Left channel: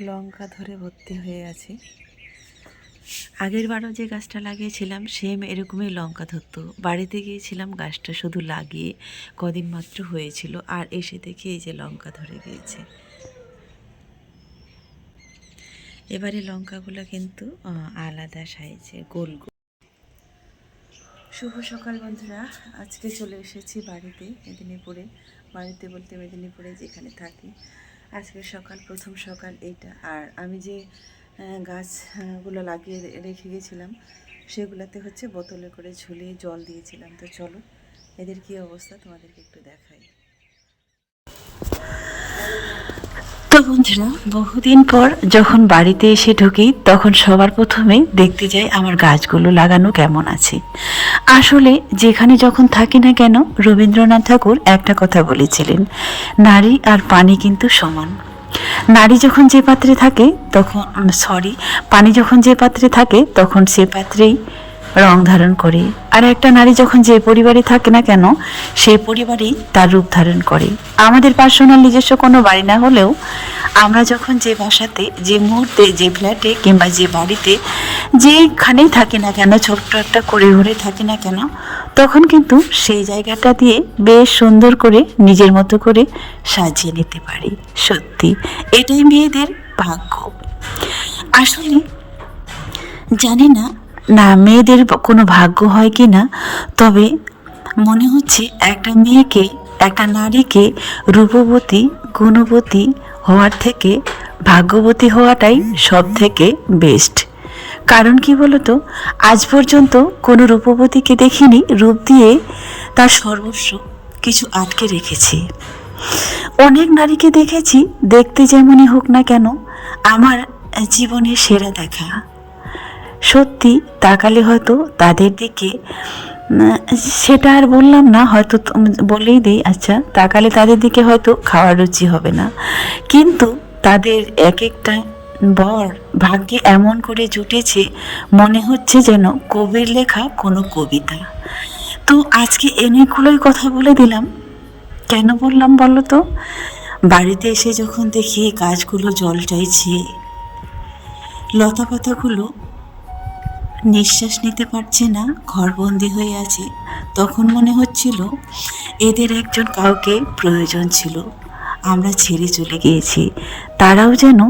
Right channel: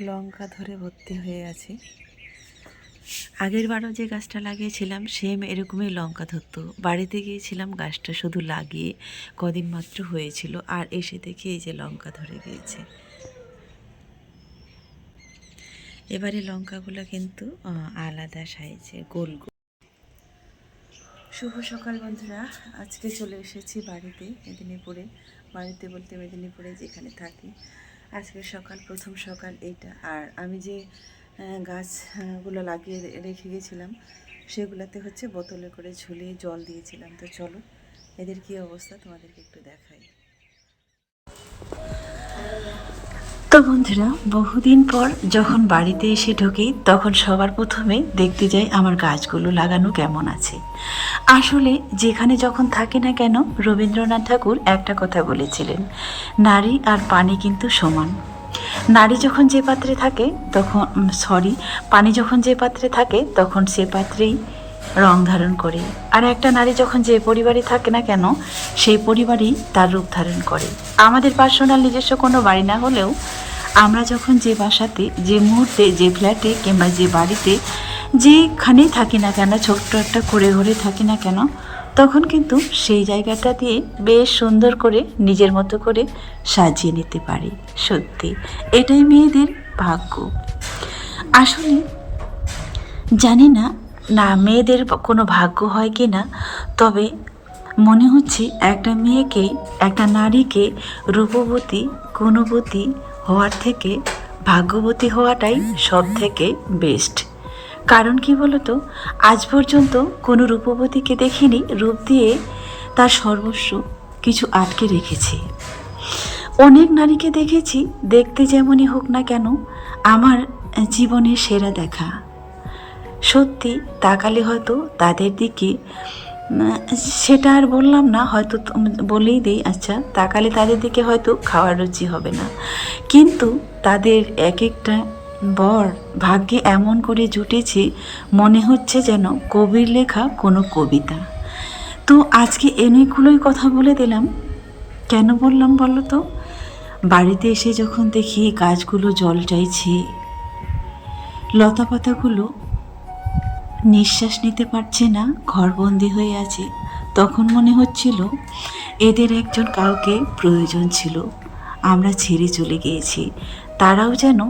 লঙ্কা ধরে ভর্তি হয়ে আছে। আগের বারও যে গাছটা লাগিয়েছিলাম সেম এরকমই লঙ্কা ধরতো। বাড়িতে গিয়েছিলাম, গাছটা শুধু লাগিয়ে কদিন মাত্র হয়েছিল, আর এসে দেখি এই যে লঙ্কা ধরে গিয়েছে। এবারে লঙ্কাগুলো কিন্তু আলাদা সাইজের, গোল গোল। শুভ সকাল বন্ধুরা, আজকে চলে এসেছি বাড়িতে, মেদিনীপুরে। বাড়িতে বলতে মেদিনীপুরে যেখানে থাকি। আজকে সকাল, প্রথম সকাল এইটা। আর আমি যে গাছগুলো লাগিয়ে রেখে গেছিলাম সেগুলোতে হচ্ছে বোতলে করে ঝুলিয়ে জল দিয়েছিলাম। তো চলো এদের কী অবস্থা তোমাদেরকে একটু দেখাই। তো বন্ধুরা, বহুদিন পর যখন বাড়িতে এসে ঢুকি তখন সবার প্রথমেই দেখতে যাই আমার গাছগুলো লাগানো কেমন আছে। আসলে যেখানে যখন থাকি না কেন, রবীন্দ্রনাথ ঠাকুর একটা কথা বলেছিলেন, নারী আর পানি কিন্তু সমান। নারী যখন যে পাত্রে থাকে তখন পানি যখন যে পাত্রে থাকে তখন সে পাত্রেই রং ধারণ করে। আর একটা নারী যখন যে পরিবারে থাকে না কেন, সেই পরিবারই তার রূপ ধারণ করে। আমাদের পার্সোনাল নিজস্ব কোনো বাড়ি না হলেও আমরা যখন যে বাসাতে, যে মুহূর্তে, যে ফ্ল্যাটে কিংবা যে বাড়িতে, যেখানেই থাকি না কেন, ছোট্ট একটা করে ঘুরে থাকি না কেন, তখন কিন্তু সেই জায়গাটা দিয়ে বেশ সুন্দর করে নিজের মতো করে সাজিয়ে নিতে পারি। সত্যি এটাই মেয়েদের ভাগ্য। আসলে জানি না মেয়েদের কোনো ভাগ্য হয় কি না, তবে মনে হচ্ছে একটা মেয়েকে, একটা নারীকে রূপবতী, গুণবতী হওয়ার থেকে ভাগ্যবতী হওয়াটাই সব থেকে বেস্ট। কারণ কি বলতো, আজ পর্যন্ত কোনো রূপবতীকে দেখিনি রূপ দিয়ে তার সর্বস্ব কিছু আটকে রেখেছে। অনেক নারীকে দেখেছি, দেখতে যেমনই হোক না কেন, আমার জীবনের সেরা দেখা। সত্যি তাকালে হয়তো তাদের দিকে, সেটা আর বললাম না, হয়তো বলেই দিই, আচ্ছা, তাকালে তাদের দিকে হয়তো খাওয়ার রুচি হবে না, কিন্তু তাদের এক একটা বর ভাগ্যে এমন করে জুটেছে, মনে হচ্ছে যেন কবির লেখা কোনো কবিতা। তো আজকে অনেকগুলোই কথা বলে দিলাম। কেন বললাম বলো তো? বাড়িতে এসে যখন দেখি গাছগুলো জল চাইছে, লতা পাতাগুলো নিঃশ্বাস নিতে পারছে না, ঘরবন্দি হয়ে আছে, তখন মনে হচ্ছিল এদের একজন কাউকে প্রয়োজন ছিল। আমরা ছেড়ে চলে গিয়েছি, তারাও যেন,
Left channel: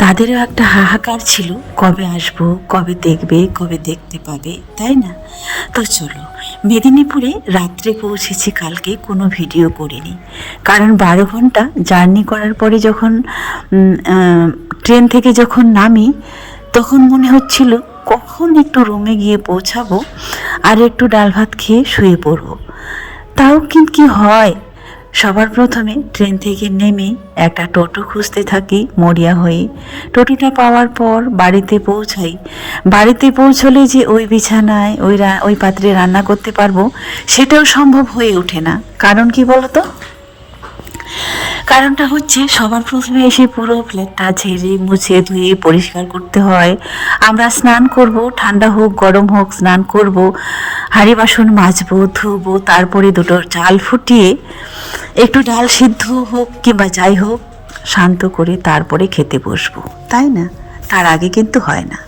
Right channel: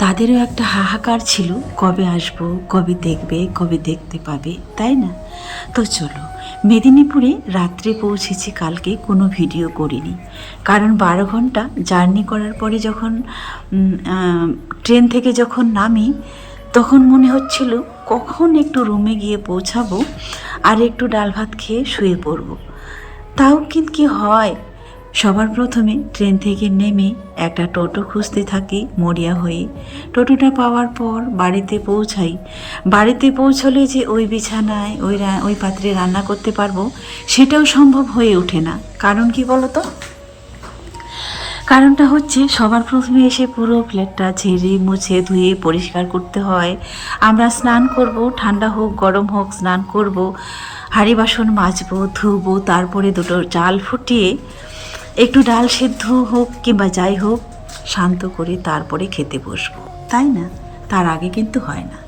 তাদেরও একটা হাহাকার ছিল, কবে আসবো, কবে দেখবে, কবে দেখতে পাবে, তাই না? তো চলো, মেদিনীপুরে রাত্রে পৌঁছেছি কালকে, কোনো ভিডিও করিনি, কারণ 12 ঘন্টা জার্নি করার পরে যখন ট্রেন থেকে যখন নামি, তখন মনে হচ্ছিল কখন একটু রুমে গিয়ে পৌঁছাবো আর একটু ডাল ভাত খেয়ে শুয়ে পড়বো। তাও কিন্তু কি হয়, সবার প্রথমে ট্রেন থেকে নেমে একটা টোটো খুঁজতে থাকি মরিয়া হয়ে। টোটোটা পাওয়ার পর বাড়িতে পৌঁছাই। বাড়িতে পৌঁছলে যে ওই বিছানায় ওই পাত্রে রান্না করতে পারবো, সেটাও সম্ভব হয়ে ওঠে না। কারণ কি বলতো? কারণটা হচ্ছে, সবার প্রথমে এসে পুরো ফ্ল্যাটটা ঝেড়ে মুছে ধুয়ে পরিষ্কার করতে হয়। আমরা স্নান করব, ঠান্ডা হোক গরম হোক স্নান করব, হাঁড়ি বাসন মাজবো, ধুবো, তারপরে দুটো চাল ফুটিয়ে একটু ডাল সিদ্ধ হোক কিংবা যাই হোক শান্ত করে তারপরে খেতে বসবো, তাই না? তার আগে কিন্তু হয় না।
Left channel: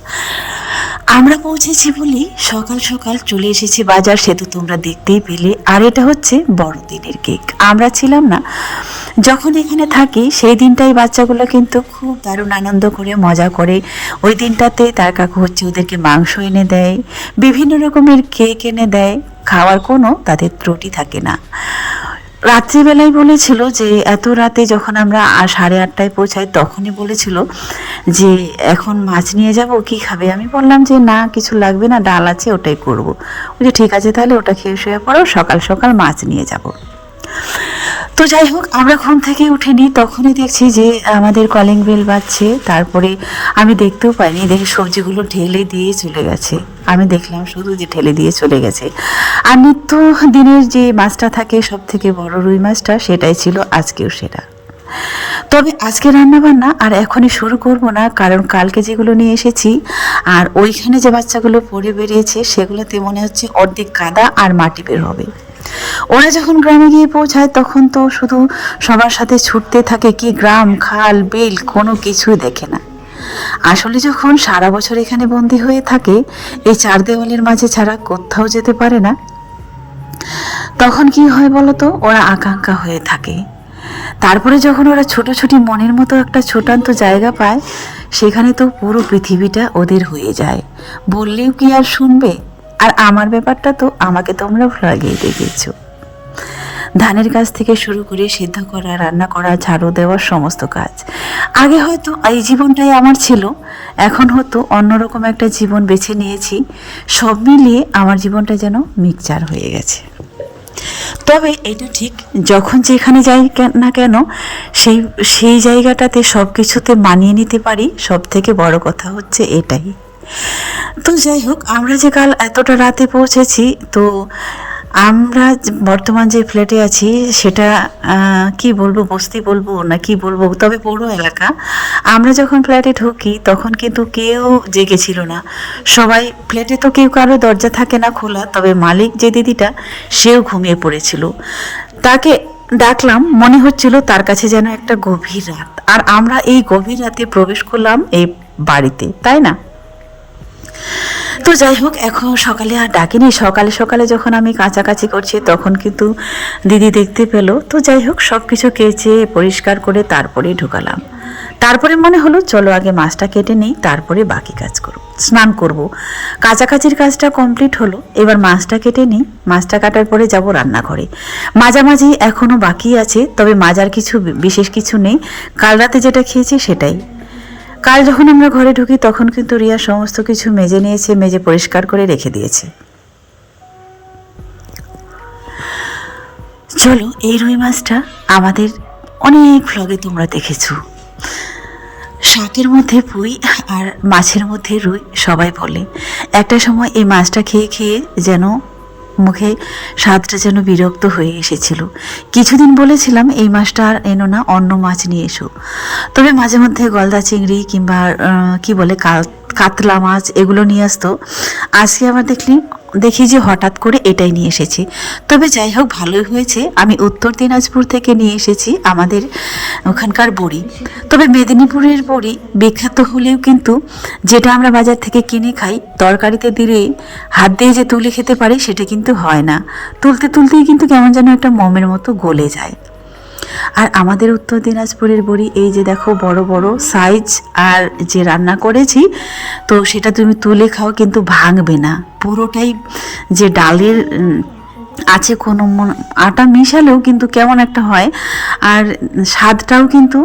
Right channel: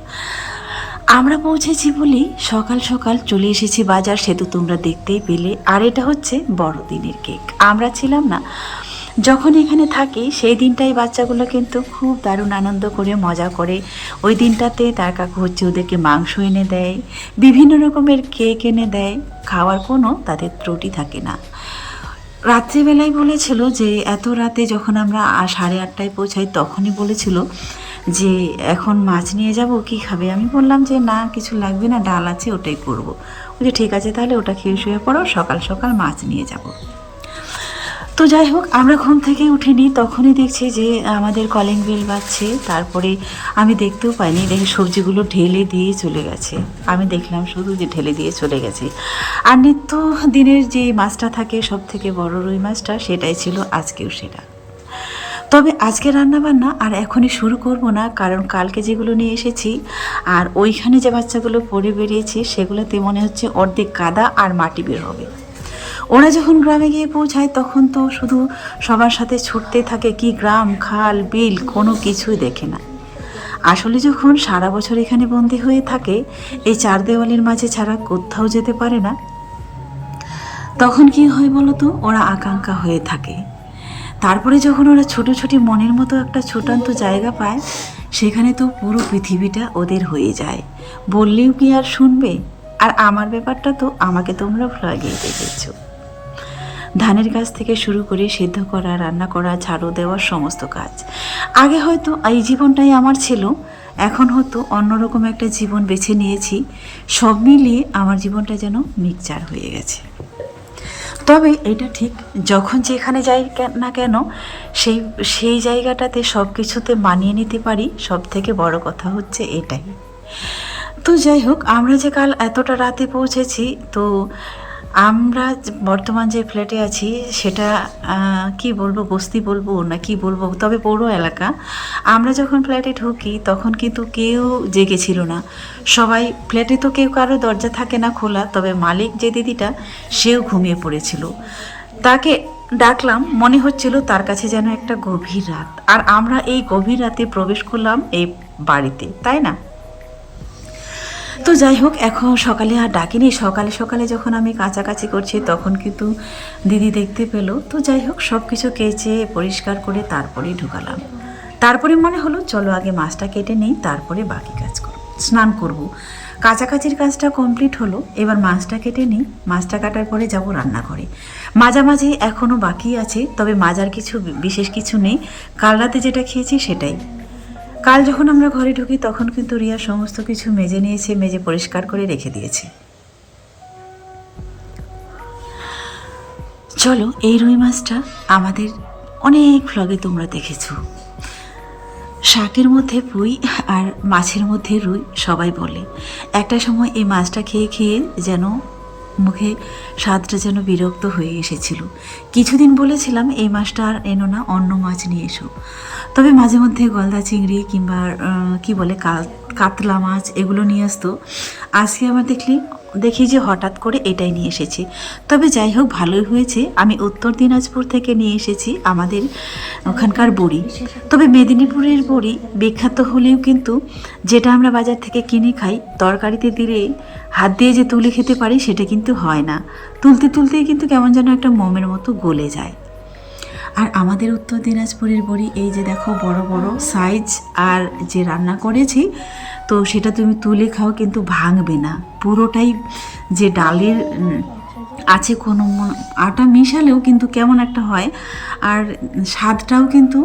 আমরা পৌঁছেছি বলেই সকাল সকাল চলে এসেছি বাজার, সে তো তোমরা দেখতেই পেলে। আর এটা হচ্ছে বড়দিনের কেক। আমরা ছিলাম না যখন এখানে থাকি, সেই দিনটাই বাচ্চাগুলো কিন্তু খুব দারুণ আনন্দ করে মজা করে। ওই দিনটাতে তার কাকু হচ্ছে ওদেরকে মাংস এনে দেয়, বিভিন্ন রকমের কেক এনে দেয়, খাওয়ার কোনো তাদের ত্রুটি থাকে না। রাত্রিবেলায় বলেছিল যে, এত রাতে যখন আমরা 8:30টায় পৌঁছাই, তখনই বলেছিল যে এখন মাছ নিয়ে যাব, কি খাবে? আমি বললাম যে না, কিছু লাগবে না, ডাল আছে, ওটাই করবো। বলছে ঠিক আছে, তাহলে ওটা খেয়ে শুয়ে পড়ো, সকাল সকাল মাছ নিয়ে যাব। তো যাই হোক, আমরা ঘুম থেকে উঠিনি, তখনই দেখছি যে আমাদের কলিং বেল বাজছে। তারপরে আমি দেখতেও পাইনি, দেখি সবজিগুলো ঢেলে দিয়ে চলে গেছে। আমি দেখলাম শুধু যে ঢেলে দিয়ে চলে গেছে। আর নিত্য দিনের যে মাছটা থাকে, সব থেকে বড় রুই মাছটা, সেটাই ছিল আজকেও সেটা। তবে আজকে রান্নাবান্না আর এখনই শুরু করব না, কারণ কালকে যেগুলো নিয়ে এসেছি আর ওইখানে যে বাচ্চাগুলো পড়ে বেরিয়েছে, সেগুলোতে মনে হচ্ছে অর্ধেক কাদা আর মাটি বের হবে। ওরা যখন গ্রামে গিয়ে পৌঁছায় তখন তো শুধু সবার সাথে ছুটতে থাকে, কি গ্রাম খাল বিল কোনো কিছুই দেখে না। আসলে যখন সারা বছর এখানে বন্দি হয়ে থাকে, এই চার দেওয়ালের মাঝে ছাড়া কোথাও যেতে পারে না, তখন কি হয় বলতো, ওরা আকাঙ্ক্ষা হয়ে থাকে। তারপরে যখন ওরা ছোটাছুটি মনের মতো একটা ছোটান্ত জায়গা পায়, সেখানে তো পুরো পৃথিবীটা ওদের হয়ে যায়, বললেও কি আর শুনবে। আর আমার ব্যাপারটা তো আমাকে তোমরা লাগিয়ে দেখেছ। ধানের কাজ থেকে শুরু করে সিদ্ধ করা, রান্না করা, ঝাড়ু দেওয়ার সমস্ত কাজ। আগে হয়তো এই জীবনটাই আমার ছিল, এখন হয়তো অন্যরকম একটা জীবন বেছে নিয়েছি। সব মিলিয়ে আমার জীবনটা যেন মিক্সচার হয়ে গেছে। তবে এটা ঠিক, যখন যেখানে যাই না কেন সেই সেই জায়গাটাতে সব কিছুতে মানিয়ে নিতে পারি, সব থেকে বড় কথা হচ্ছে এটাই। তো যাই হোক, আমরা যে কাল এতটা রাতে পৌঁছেছি, তো আমরা বর্তমান যে ফ্ল্যাটে আছি সেটা কি বলবো, বস্তি বলবো না কি বলবো, তবে পৌর এলাকা। আমরা যখন ফ্ল্যাটে ঢুকি তখন কিন্তু কেউ জেগেছিল না, সবাই ফ্ল্যাটে তো কেউ কারো দরজা থাকে না খোলা, তবে মালিক যে দিদিটা সেও ঘুমিয়ে পড়েছিল। তাকে ডাকলাম, মনে হচ্ছিল তার কাছে যেন একটা গভীর রাত। আর আমরা এই গভীর রাতে প্রবেশ করলাম এই বাড়িতে, তাই না? তো যাই হোক, এখন সকালে আর ডাকিনি। সকালে সকালে যখন আমি কাছাকাছি করছি তখন কিন্তু দিদি দেখতে পেলো। তো যাই হোক, সব কিছু কেচে পরিষ্কার করে তারপরে ঢুকালাম। তারপরে মনে হলো চলো আগে মাছটা কেটে নিই, তারপরে বাকি কাজ করব, স্নান করব। কাছাকাছির কাজটা কমপ্লিট হলো, এবার মাছটা কেটে নিই। মাছটা কাটার পরে যাব রান্নাঘরে। মাঝামাঝি এখনও বাকি আছে, তবে মাজার কিছু বিশেষ কিছু নেই। কাল রাতে যেটা খেয়েছি সেটাই। কাল যখন আমরা ঘরে ঢুকি তখন কিন্তু রিয়া সমস্ত কিছু মেজে নিয়েছে, মেজে পরিষ্কার করে রেখে দিয়েছে। চলো, এই রুই মাছটা আমাদের অনেক ভ্লগে তোমরা দেখেছো। শাকের মধ্যে পুঁই আর মাছের মধ্যে রুই সবাই বলে। একটা সময় এই মাছটা খেয়ে খেয়ে যেন মুখে স্বাদটা যেন বিরক্ত হয়ে এসেছিল। কিছুদিন বলেছিলাম এই মাছটা আর এনো না, অন্য মাছ নিয়ে এসো। তবে মাঝে মধ্যে গলদা চিংড়ি কিংবা কি বলে কাতলা মাছ এগুলো নিয়ে আসতো। আজকে আবার দেখি যে হঠাৎ করে এটাই নিয়ে এসেছি। তবে যাই হোক, ভালোই হয়েছে। আমি উত্তর দিনাজপুর থেকে নিয়ে এসেছি আমাদের ওখানকার বড়ি। তবে মেদিনীপুরের বড়ি বিখ্যাত হলেও কিন্তু যেটা আমরা বাজার থেকে কিনে খাই, তরকারিতে দিলে হাত দিয়ে যে তুলে খেতে পারি সেটা কিন্তু হয় না। তুলতে তুলতেই কিন্তু কেমন যেন একটা মোমের মতো গলে যায়। আর আমাদের উত্তর দিনাজপুরের বড়ি এই যে দেখো, বড় বড় সাইজ। আর যে রান্না করেছি তো সেটা তুমি তুলে খাও কিন্তু ভাঙবে না, পুরোটাই যে ডালের আছে, কোনো আটা মিশালেও কিন্তু কেমন একটা হয়। আর স্বাদটাও কিন্তু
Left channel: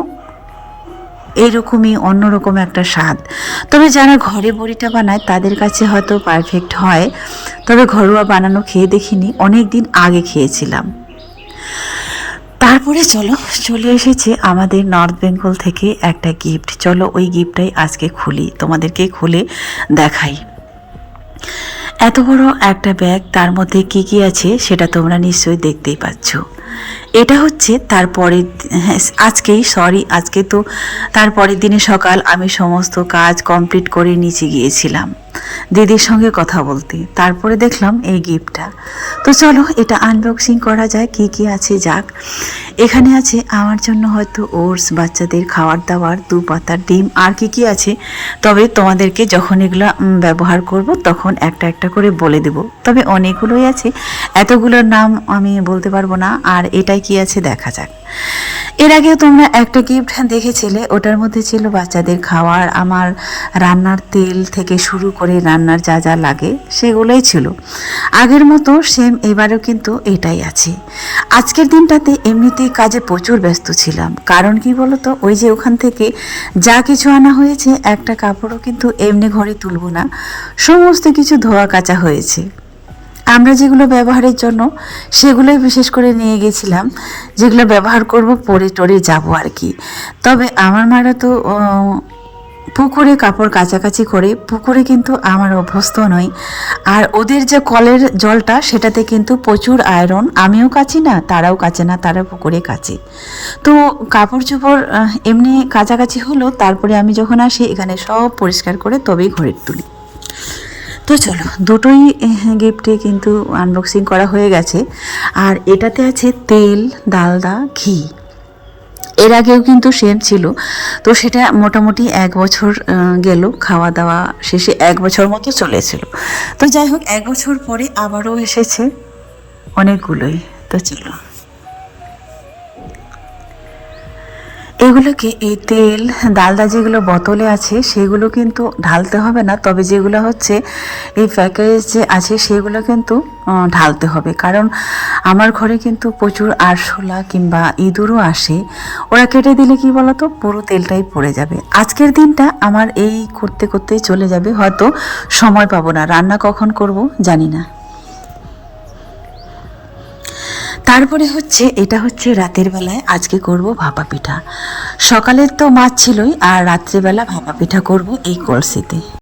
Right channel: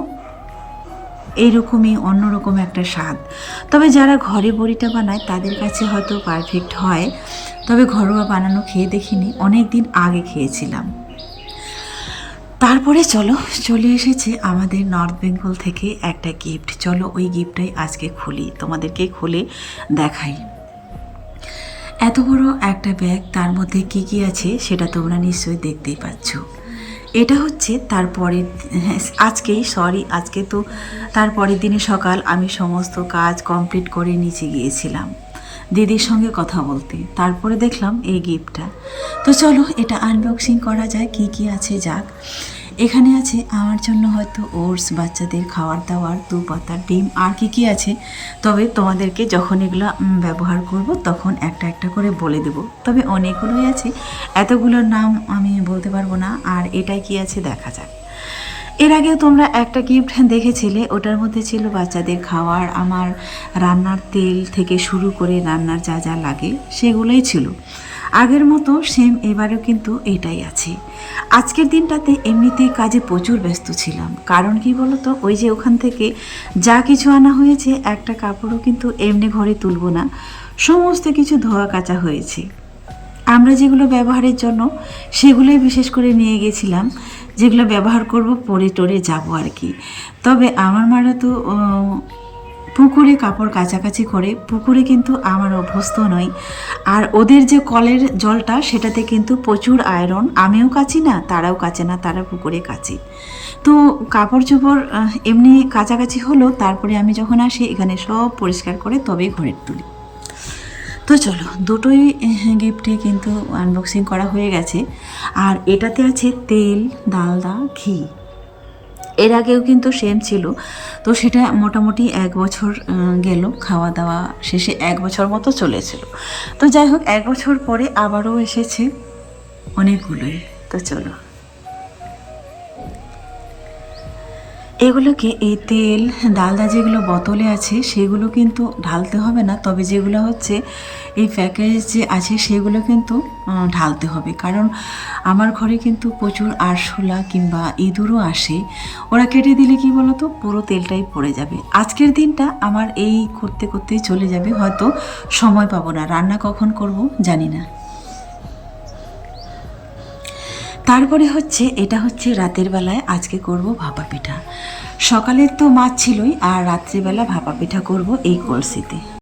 এইরকমই, অন্যরকম একটা স্বাদ। তবে যারা ঘরে বড়িটা বানায় তাদের কাছে হয়তো পারফেক্ট হয়, তবে ঘরোয়া বানানো খেয়ে দেখিনি, অনেক দিন আগে খেয়েছিলাম। তারপরে চলে এসেছে আমাদের নর্থ বেঙ্গল থেকে একটা গিফট। চলো ওই গিফটটাই আজকে খুলি, তোমাদেরকে খুলে দেখাই। এত বড় একটা ব্যাগ, তার মধ্যে কি কি আছে সেটা তোমরা নিশ্চয়ই দেখতেই পাচ্ছ। এটা হচ্ছে আজকে তো তারপরের দিনে সকাল আমি সমস্ত কাজ কমপ্লিট করে নিচে গিয়েছিলাম দিদির সঙ্গে কথা বলতে। তারপরে দেখলাম এই গিফটটা। তো চলো এটা আনবক্সিং করা যায়, কি কি আছে যাক। এখানে আছে আমার জন্য হয়তো ওটস, বাচ্চাদের খাবার দাবার, 2 পাতার ডিম, আর কি কি আছে তবে তোমাদেরকে যখন এগুলো ব্যবহার করব তখন একটা একটা করে বলে দেব। তবে অনেকগুলোই আছে, এতগুলোর নাম আমি বলতে পারবো না। আর এটাই কি আছে দেখা যাক। এর আগেও তোমরা একটা গিফট দেখেছিলে, ওটার মধ্যে ছিল বাচ্চাদের খাওয়ার, আমার রান্নার তেল থেকে শুরু করে রান্নার যা যা লাগে সেগুলোই ছিল। আগের মতো সেম এবারও কিন্তু এটাই আছে। আজকের দিনটাতে এমনিতেই কাজে প্রচুর ব্যস্ত ছিলাম, কারণ কি বলতো, ওই যে ওখান থেকে যা কিছু আনা হয়েছে একটা কাপড়ও কিন্তু এমনি ঘরে তুলব না, সমস্ত কিছু ধোয়া কাচা হয়েছে। আমরা যেগুলো ব্যবহারের জন্য সেগুলোই বিশেষ করে নিয়ে গেছিলাম, যেগুলো ব্যবহার করব পরে টরে যাব আর কি। তবে আমার মারা তো পুকুরে কাপড় কাচাকাচি করে, পুকুরে কিন্তু আমার অভ্যস্ত নই। আর ওদের যে কলের জলটা সেটাতে কিন্তু প্রচুর আয়রন, আমিও কাচি না, তারাও কাচে না, তারা পুকুরে কাচে। তো কাপড় চোপড় এমনি কাচাকাচি হলো, তারপরে আমি যখন আসি এখানে সব পরিষ্কার করে তবেই ঘরে তুলি। তো চলো, দুটোই গিফটে কিন্তু আনবক্সিং করা হয়ে গেছে। আর এটাতে আছে তেল, ডালদা, ঘি। এর আগেও কিন্তু সেম ছিল, তো সেটা মোটামুটি 1 বছর গেল, খাওয়া দাওয়া শেষে 1 বছর মতো চলেছিল। তো যাই হোক, 1 বছর পরে আবারও এসেছে অনেকগুলোই। তো চলো, এগুলোকে, এই তেল ডালদা যেগুলো বোতলে আছে সেগুলো কিন্তু ঢালতে হবে না, তবে যেগুলো হচ্ছে এই প্যাকেজ যে আছে সেগুলো কিন্তু ঢালতে হবে। কারণ আমার ঘরে কিন্তু প্রচুর আরশোলা কিংবা ইঁদুরও আসে, ওরা কেটে দিলে কি বলতো, পুরো তেলটাই পড়ে যাবে। আজকের দিনটা আমার এই করতে করতেই চলে যাবে, হয়তো সময় পাবো না, রান্না কখন করব জানি না। তারপরে হচ্ছে, এটা হচ্ছে রাতের বেলায় আজকে করব ভাপা পিঠা। সকালের তো মাছ ছিলই, আর রাত্রেবেলা ভাপা পিঠা করব এই কলসিতে।